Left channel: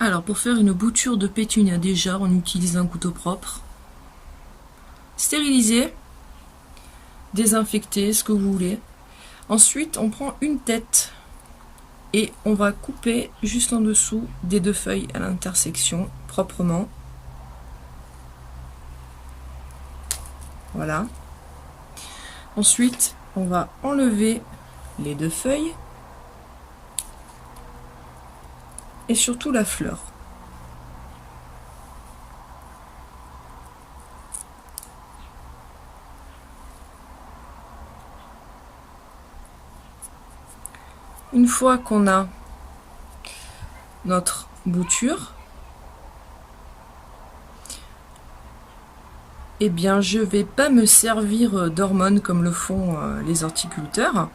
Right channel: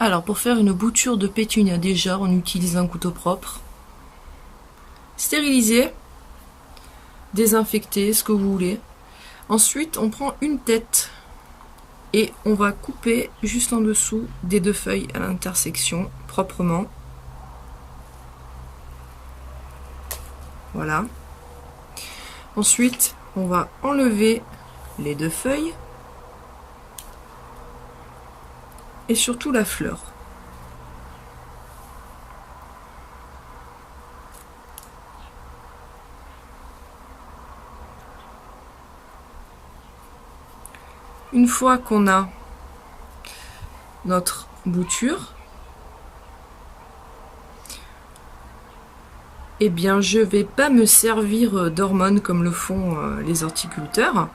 Alors pour faire une bouture de pétunia, déjà on utilise un couteau propre, stérilisé, désinfecté, ce que vous voulez. Ensuite on prend une tête et on va couper juste en dessous des deux feuilles à l'intersection proprement. Voilà. Ensuite on va enlever les deux feuilles et surtout la fleur. Une fois qu'on a notre bouture, eh bien je vais pas me servir d'hormones comme le font les horticulteurs.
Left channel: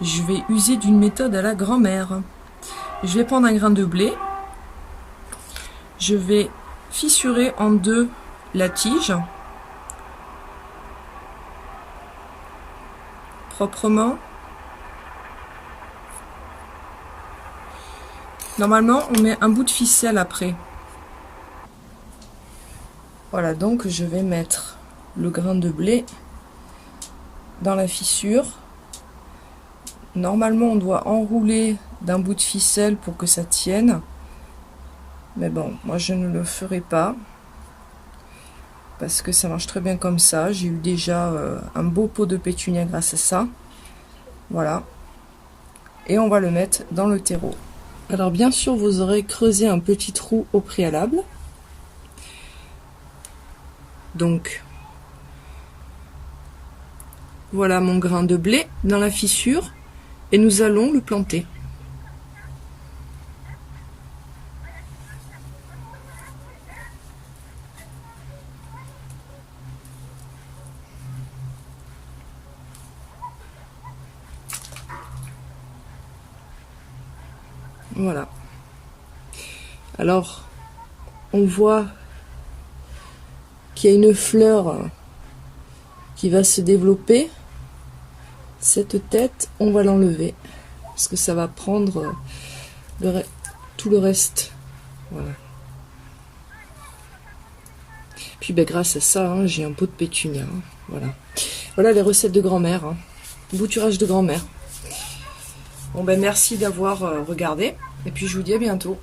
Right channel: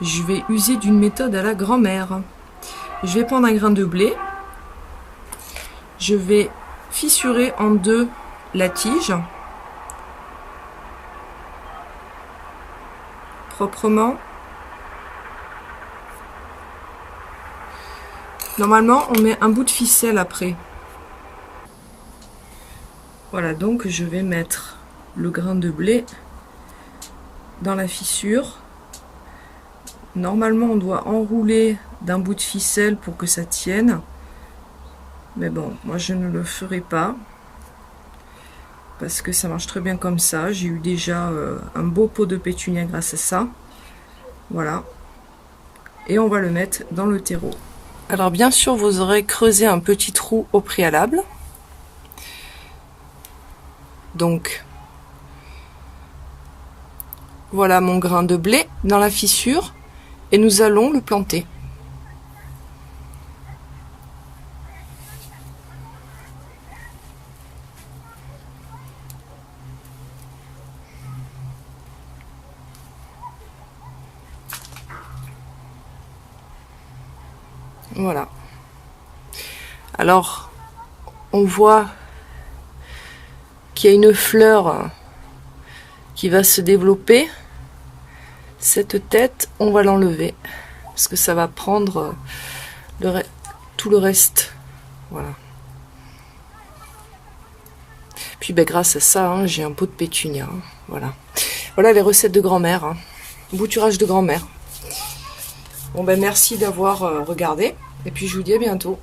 Je vais user d'une méthode à la grand-mère. Je vais prendre un grain de blé, je vais fissurer en deux la tige proprement. Normalement on met un bout de ficelle après. Voilà, donc je vais mettre le grain de blé dans la fissure. Normalement on doit enrouler d'un bout de ficelle pour que ça tienne, mais bon, moi je ne le ferai pas parce que ça marche très bien comme ça. J'ai eu déjà un beau pot de pétunia grâce à ça. Voilà, et on va le mettre dans le terreau. Alors bien sûr vous aurez creusé un petit trou au préalable, donc voilà mon grain de blé dans la fissure et nous allons le planter. Voilà. Alors, on voit qu'il y a une fleur qui va se développer. Cette tête, on va l'enlever parce que ça va prendre tout le reste. Voilà. Puis ben, grâce à ça, hein, j'ai un pot de pétunia. Hein, voilà. Voilà les recettes de grand-mère. Hein. Bouturage de grand-mère. Bon ben merci d'avoir regardé et puis je vous dis à bientôt.